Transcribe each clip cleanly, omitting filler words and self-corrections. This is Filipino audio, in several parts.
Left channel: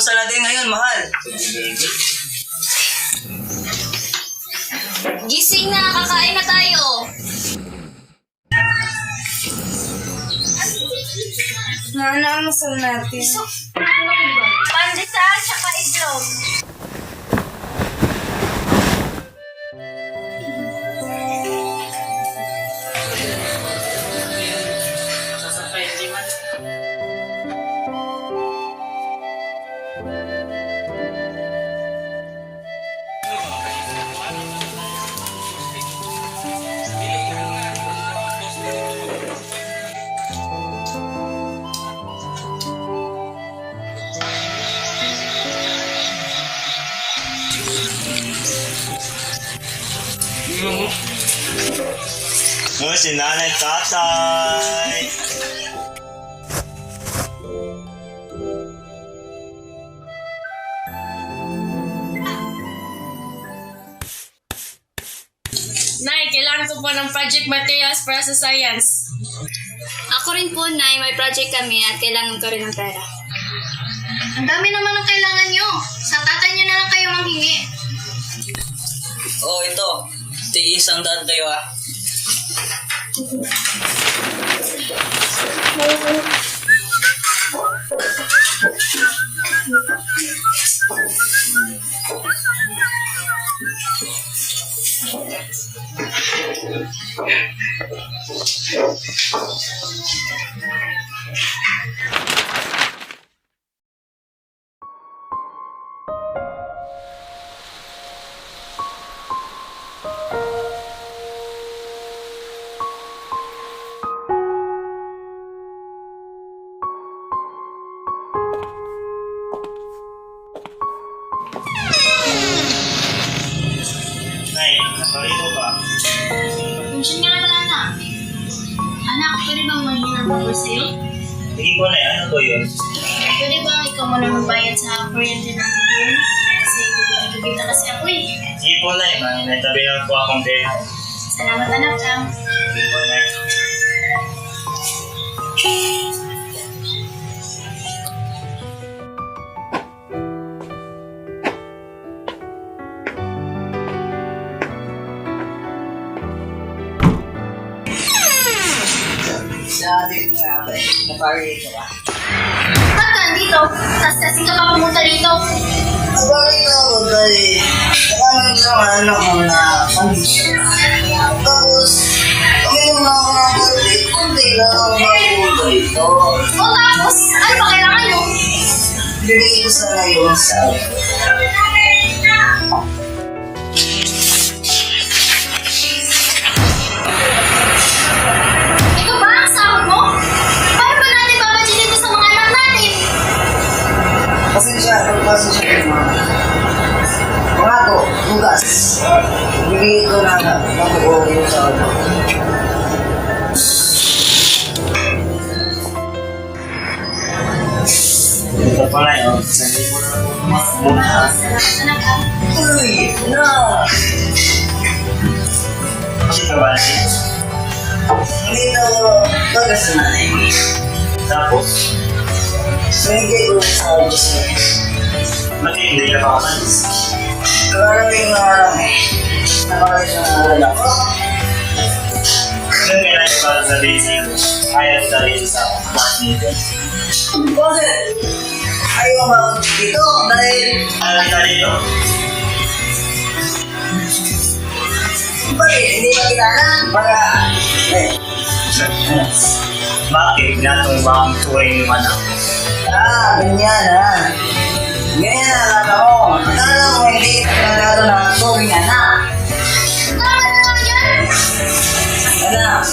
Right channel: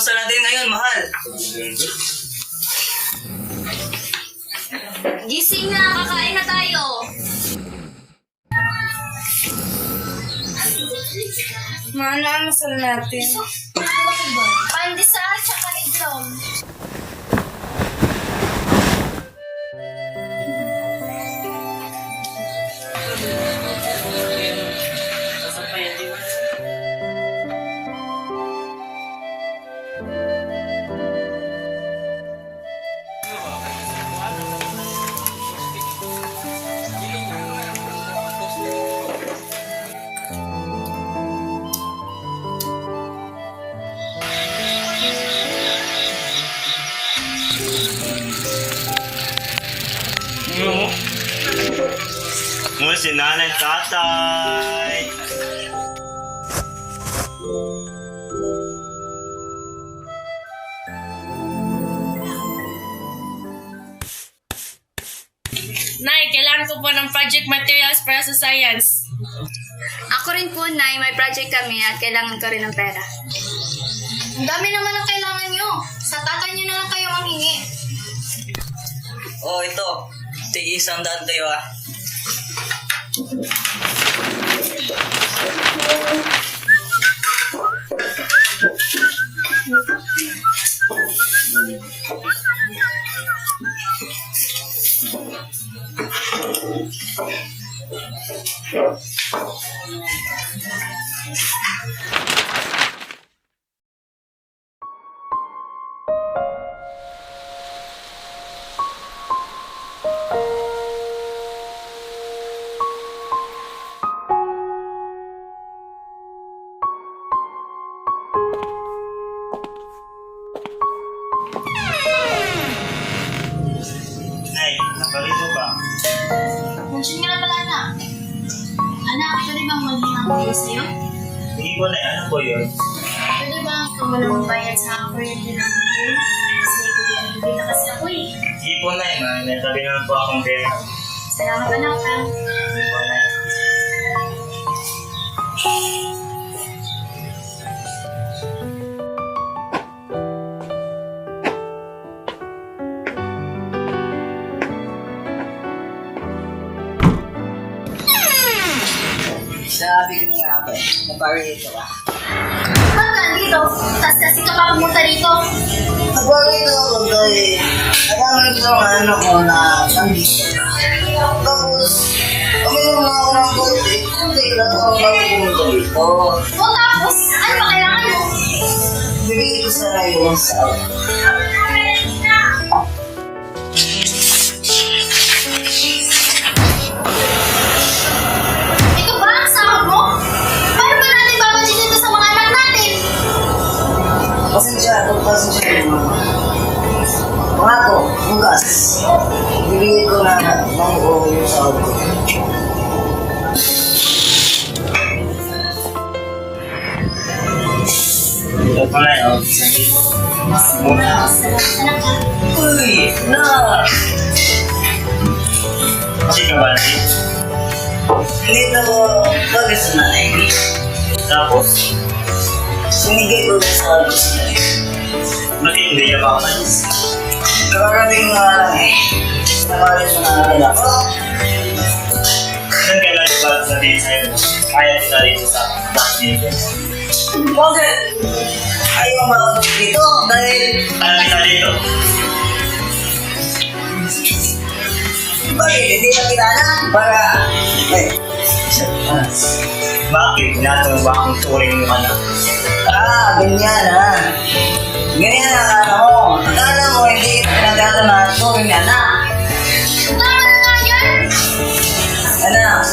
almusal natin ngayon, mahal? Gising na, kakain na tayo. Mahal na almusal natin. Pandesal, tsaka itlog. Mo si nanay tatay. Nay, kailangan ko po ng project materials para sa science. Ako rin po, Nay. May project kami at kailangan ko rin ng pera. Ang dami naman ang kailangan nyo. Sa tatay nyo na lang kayo manghingi. Oh, ito. Tig-100 kayo ah. Nay, nakalito ba? Nandiyan nga pala na. Anak, pwede bang manghinang kayo sa'yo? Hindi ko na ano po yun? Pwede bang ikaw muna magbayad sa kuryente ng bill? Kasi bibigyan na kasi ako eh. Hindi po na may natabi lang po akong pera. Salamat anak ha. Hindi po na Sabi ko nga ba, napagod dito ah. Ba't nandito? Tas kasi ka pa pumunta dito. Napagod ako dahil nakamit sa mga anak mo na kami. Tapos, uminom na ako ng konti. Konti lang ang nakupunta dito. O tapos, ano pa kailangan mo? Bibigay ko sana yung sa Ito ba ang sahod mo? Paano ba natin babudgetin ito sa mga anak natin? pasensya yung mga to, bukas. Bibigay ko na ng buong yung sa ito pala yun. Sabi mo muna. Salamat anak ha. Uy, na! Kasi kawalati. Hindi to baga sa nanay ko. Tapos, Sumigay ko sa gusto niya. hindi niya pa ako. Kakarating na lang eh. Nabalik sa nangaral ako. Kasi kailangan pa sabihin sa'yo. Kaya kita rin sa akin. Bakit? Ayaw mo ba ako dito? Dahil Ano kita dito? bakit hindi ka kailangan para... Bakit natong ba ang turing mo anak? Ganyan ha. Ganyan na lang ako. Tala mo hindi kita pinagkala na tuwing na. Tama na nga yan! Anak,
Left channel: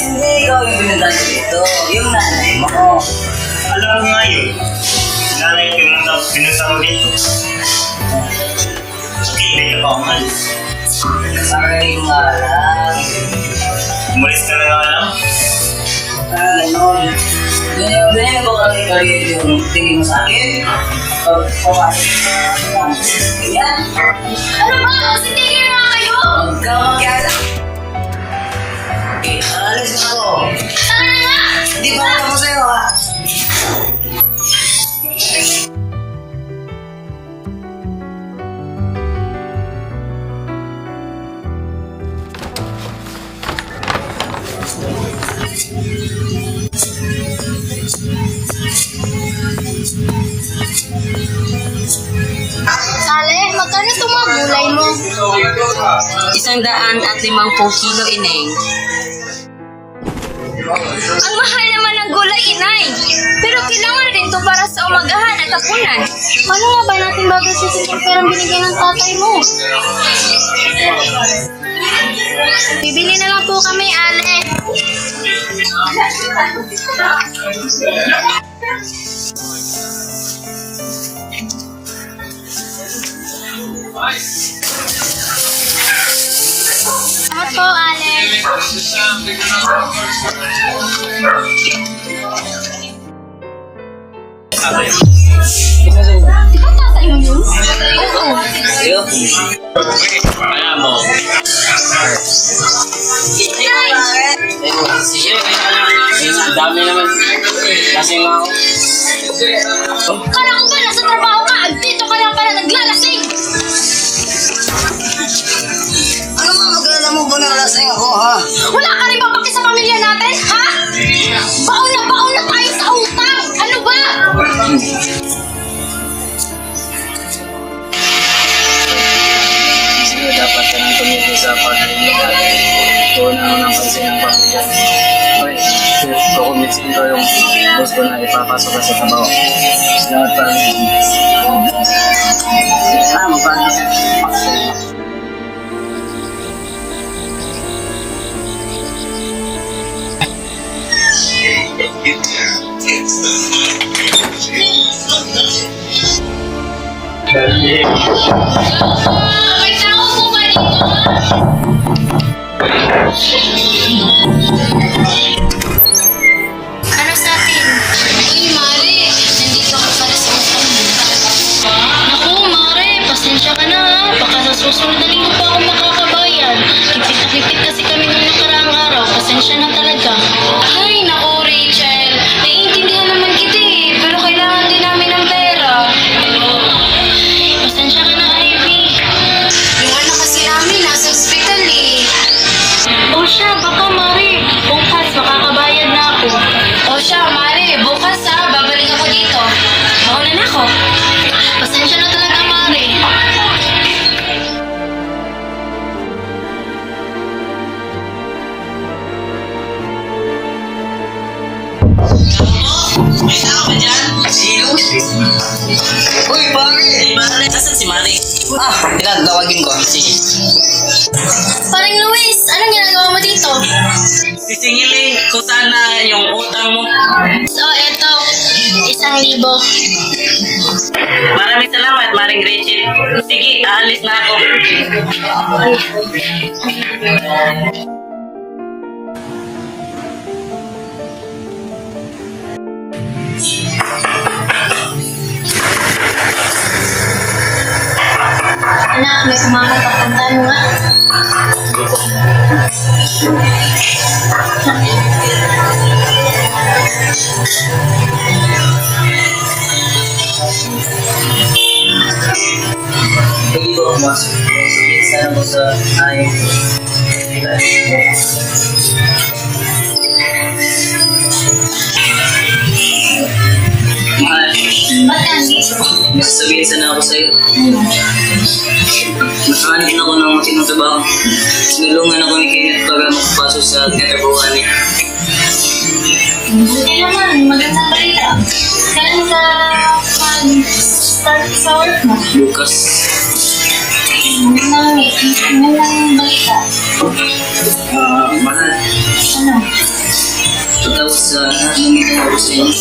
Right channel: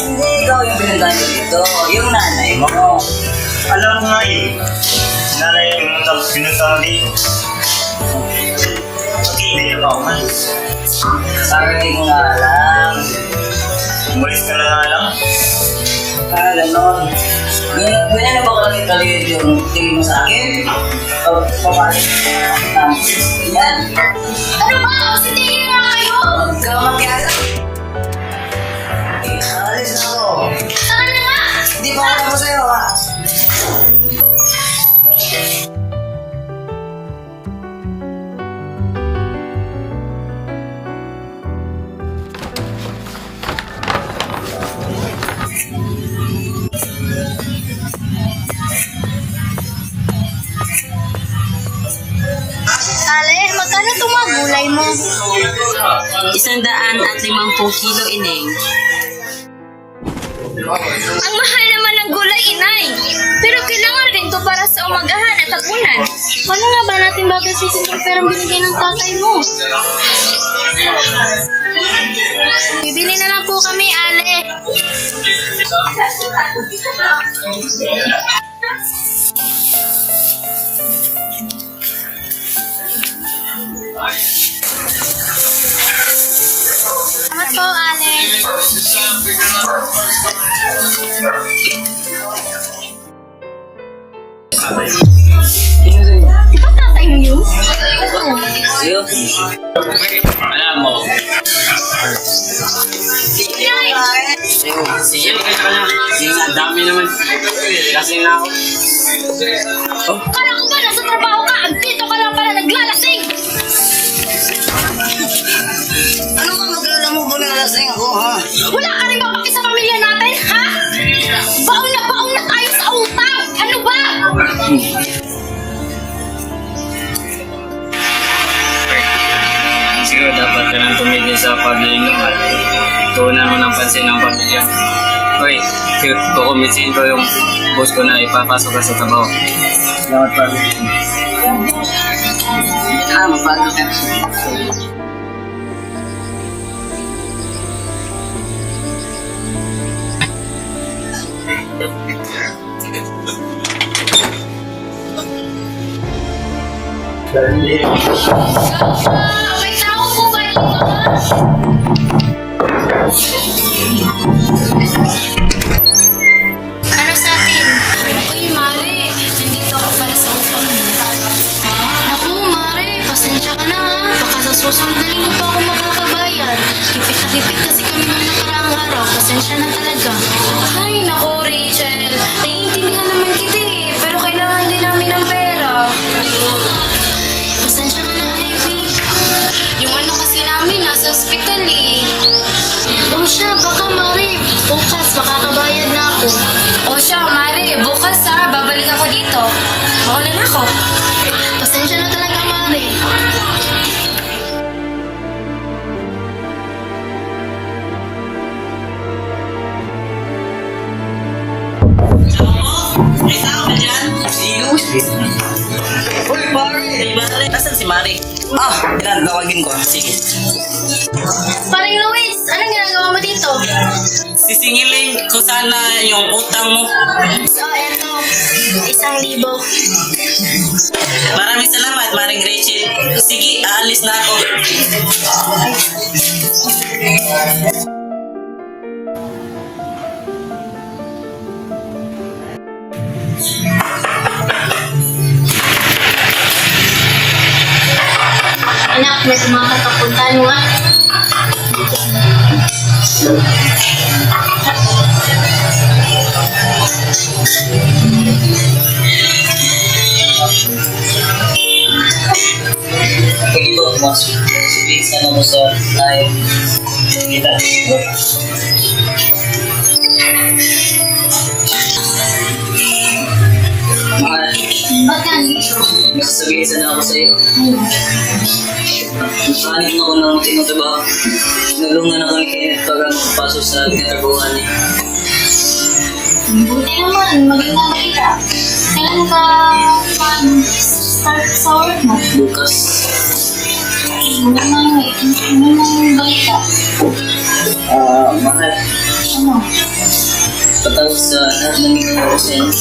hindi ikaw yung pinagkala dito. Yung nanay mo. Alam mo nga yun. Nanay ko yung pinagtama dito. Hindi ka pa umalis. Sarili ko nga alam. Umalis ka na nga lang. Alam mo, binigyan ko kasi kayo yung tingin mo sa akin. Papasok na yan. Ano ba? Kasi tingin na kayo! Huwag ka makiala. Alis na ako. Tara na nga! Hindi pa alam ko sa'yo ha. 150 kilo, Ineng. Ang mahal naman ng gulay, inay. Pero kailangan rin to para sa umagahan at hapunan. Paano nga ba natin babastusin yung perang binigay ng tatay mo? Bibili na lang po kami, Ale. Salamat po, Ale. Di ba tatay mo yun? Alam mo. Sige, ang dami naman. Lasing na ako. Kala ko ba nasa trabaho ka? Dito ka lang pala naglalasing. Ano nga maglala mo ba nalasing ako, ha? Wala ka rin papaki sa pamilya natin, ha? Baon na tayo sa utang! Ano ba? Siguro dapat ka lang tumigil sa pagdaling mo. Tuunan mo ng pansin ng pamilya. Okay, kukumitsin ko yung boss ko na ipapasok ka sa trabaho. Salamat pa. Magpapasok ka. May tao po ba dito? Ano sa atin? Uy, Mare, nandito ka pala sa utang. Naku, Mare, pasensya ka na ha. Baka sa susunod na linggo pa ako makakabayan. Hipit na hipit kasi kami nung nakaraang araw. Pasensya na talaga. Ay, naku, Rachel. Naiintindihan naman kita eh. Pero kailangan din namin ng pera. Pasensya ka na, Ivy. Yung anak kasi namin nasa ospital eh. O siya, baka Mare, bukas makakabayad na ako. O siya, Mare, bukas babalik ako dito. Mauna na ako. Pasensya na talaga, Mare. Uy, pare! Mari, asan si Mari? Tinatawagin ko. Sige. Paring Luis, anong ginagawa mo dito? Sisingilin ko sana yung utang mo. So, eto, 1,000. Maraming salamat, Maring Rachel. Sige, aalis na ako. Anak, may sumakat papunta, ano nga? Hindi ko pumasok. Sige, sana mo sa tayo. Kita. Mahal, Ba't ka andito? may sasabihin sana ako sa'yo. Nakahanap ako ng matinong trabaho. Sinulungan ako ni Kenneth para makapasok sa katrabahuan niya. Buti naman, magandang balita. Kailan ka mag-start sa work mo? Bukas, Magandang balita. mahal. Ano? Patapos sa lahat ng ginawa ko sa inyo.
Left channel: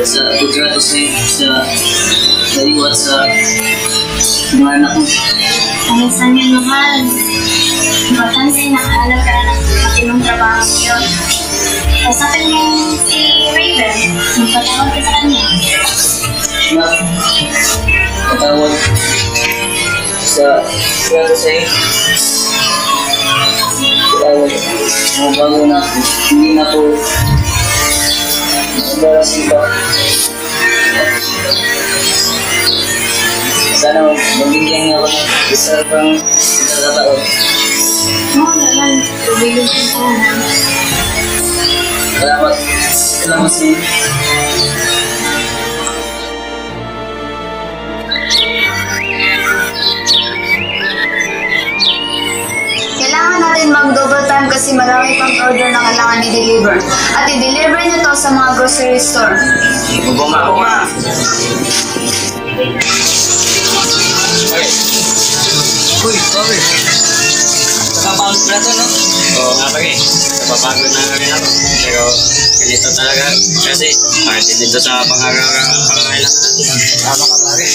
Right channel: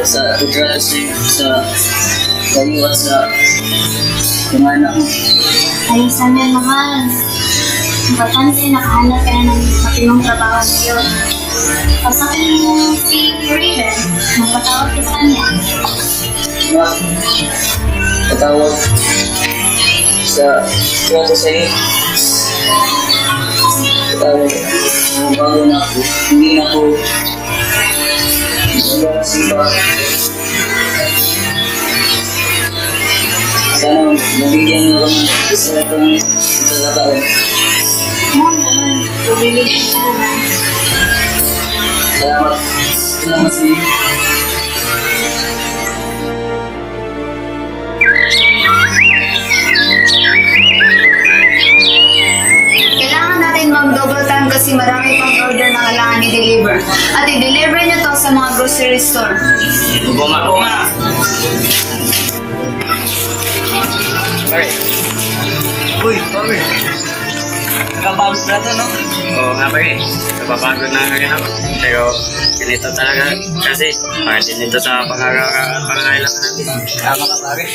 Sa pagtrato sa inyo, sa kaliwat sa mga anak mo. Ayos lang yan, mahal. Importante, nakahanap ka na ng matinong trabaho ngayon. Kasapin mo si Raven. Magpatawag ka sa kanya. Patawag sa mga sa inyo. Patawag, mabago na ako. Hindi na ako magbalasing pa. Sana mabigyan niyo ako ng isa pang pagkakataon. Oo naman, pabibigyan ko na. Salamat. Salamat sa inyo. na kailangan i-deliver. At i-deliver nyo to sa mga grocery store. Oo nga. Uy, kami. Kapagod na to, no? Oo nga pare, napapagod na rin ako. Pero ganito talaga kasi kahit dito sa pangangailangan natin. Tama ka, pare.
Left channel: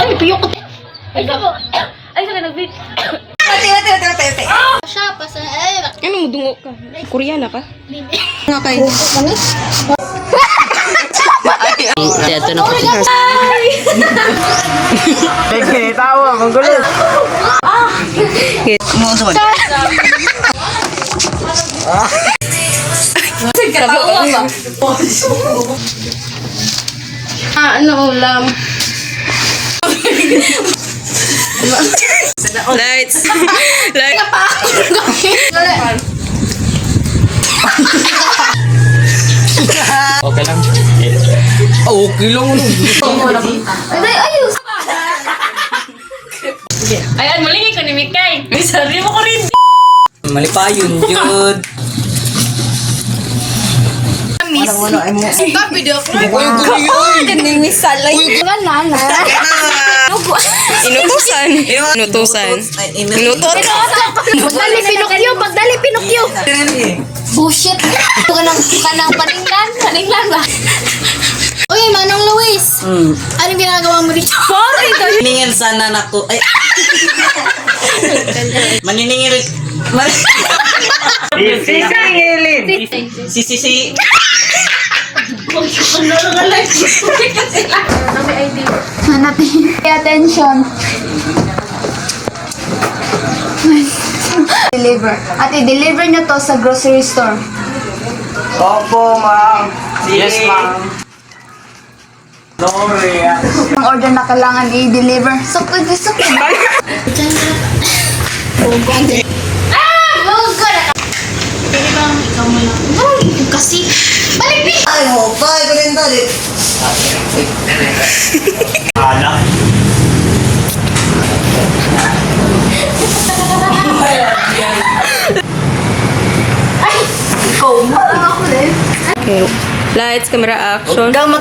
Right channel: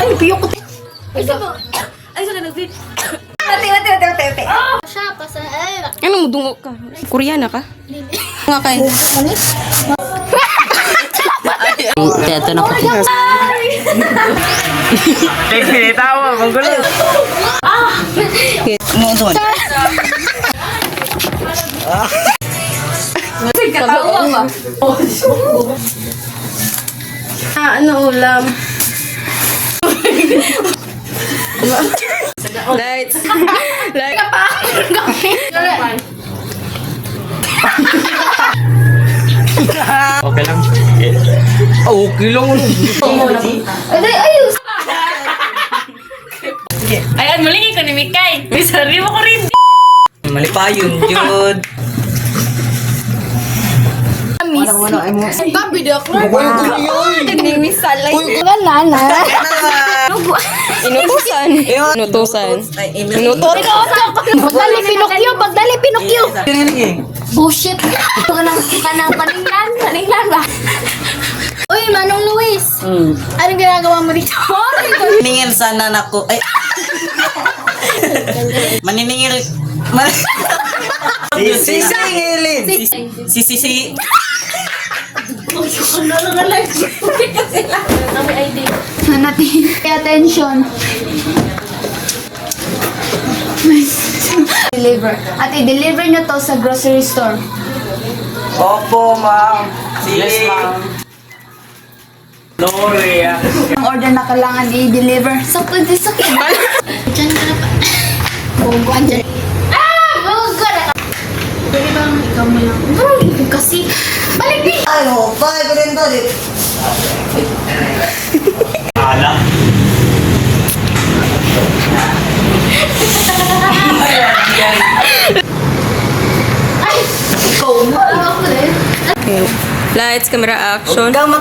Ay, piyok ko. Ay, sabo. Ay, saka nag-date. Wate. Siya, pasa, ay, Anong dungo ka? Koreana ka? ito na ko. Tawa, manggulo. Umuusod. Katawa ba? Ano ulam? Lights. Lights. Okay lang. Okay lang. Ayos! Ayan, mulingi ko ni Mikay. Sabi mo ko rin. Mali pa yun, yun. Inutusan. Pagdali, Pinocchio! Bullshit! Ito ka ng paninglan ba? Uy, Manong Luis! Anong ginagawa mo dito? Maningil sana na ko. Ay. Maniningil. Sisingilin. Si. Hanapin. Pay attention. Deliver. At i-deliver nyo to sa grocery store. Opo, ma'am. Yes, ma'am. Sorry, Ang order na kailangan i-deliver. Sakto. Diyan ka na pa. Huwag ka na. Pwede ba ikaw mo lang? Maraming kasi. Balik! Ay mo, bakit ko rin tali? Ala. Ay! Ikaw na. Ako rin. Lights, camera, action. Huwag kang